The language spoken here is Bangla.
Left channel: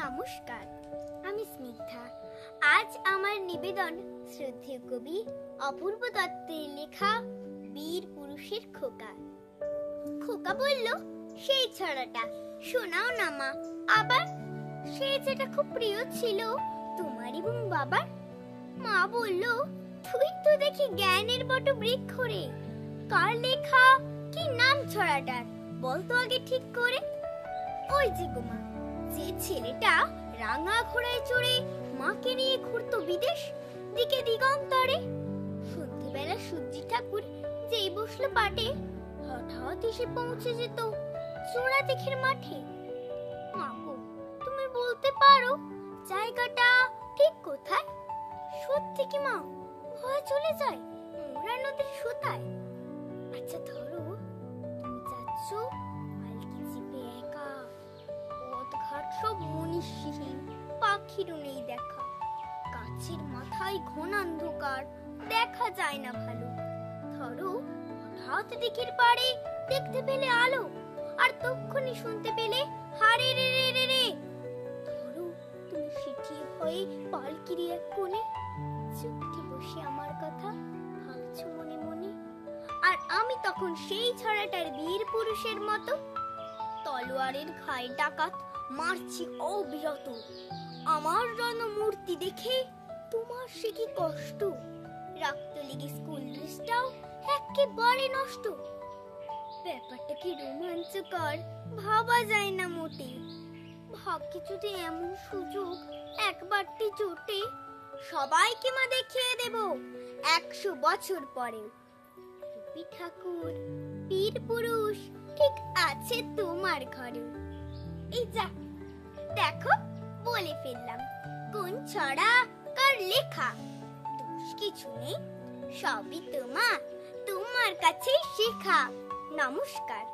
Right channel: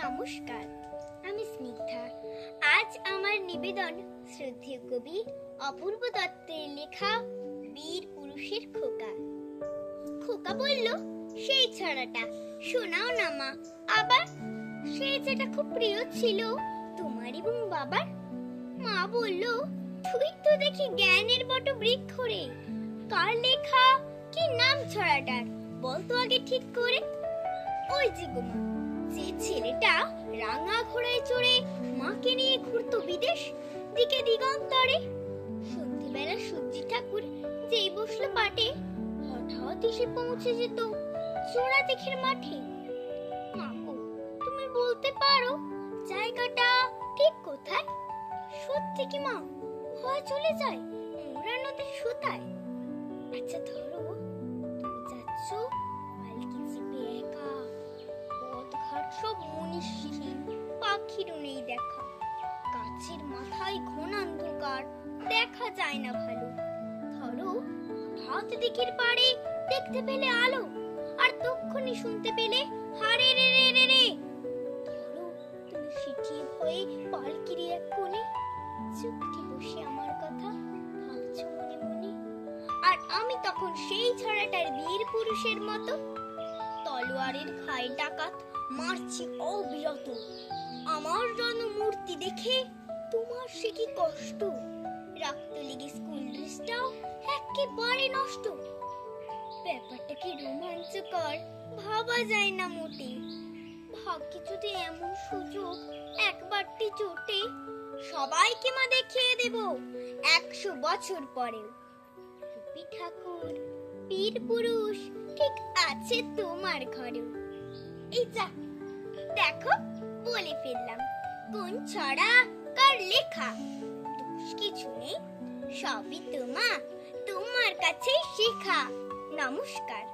নমস্কার, আমি স্নিগ্ধা। আজ আমার নিবেদন শ্রদ্ধেয় কবি অপূর্ব দত্তের লেখা বীর পুরুষের খোকা। খোকা বলল, সেই ছড়াটা শোনাও না মা। আবার সেই যেটা খুব প্রিয় ছিল তোমার এবং বাবার। মা বলল, তুই তো দেখি জ্ঞানের বটবৃক্ষ রে। কার লেখা, কি নাম ছড়াটার বলতো আগে ঠিক করে। ওই যে গো মা, যে ছেলেটা রাঙা ঘোড়ায় চড়ে মাকে নিয়ে ঘুরতো বিদেশ দিকে দিগন্তরে। সন্ধ্যেবেলা সূর্যি ঠাকুর যেই বসলো পাটে, হঠাৎ এসে পৌঁছে যেত চোরা দিঘির মাঠে। মা গো, তুমি বলতে পারো জায়গাটা ঠিক কোথায়? সত্যি কি মা, ভয় চলে যায় মোরা নদীর সুতায়। আচ্ছা ধরো, তুমি যাচ্ছ পালকি চেপে একা, পথঘাট সব মনীষীহীন, পাখিরও নেই দেখা। গাছের মাথায় ঘন অন্ধকার, দেখা যায় না ভালো। ধরো হঠাৎ দিঘির পাড়ে দেখতে পেলে আলো, আর তক্ষুনি শুনতে পেলে হারে রে রে রে রে। ধরো তুমি সিটিয়ে ভয়ে পালকির এক কোণে চুপটি বসে আমার কথা ভাবছো মনে মনে। আর আমি তখন সেই ছড়াটার বীর পুরুষের মতো তলোয়ারের ঘায়ে ডাকাত মারছি অবিরত। আমার জনমূর্তি দেখে তোমার সে কি কষ্ট, রক্ত লেগে স্কুল ড্রেসটাও একেবারে নষ্ট। ব্যাপারটা কি রোমাঞ্চকর, ভাবা যায় না মোটে। ভাগ্যে যদি এমন সুযোগ একবারটি জোটে, সবাইকে মা দেখিয়ে দেব 100 বছর পরে। রবি ঠাকুর বীর পুরুষ ঠিক আছে তোমার ঘরে। এই যা দেখো, বলে ফেললাম কোন ছড়া কার লেখা। দোষ কিছু নেই, সবই তোমার কাছেই শেখা। নমস্কার।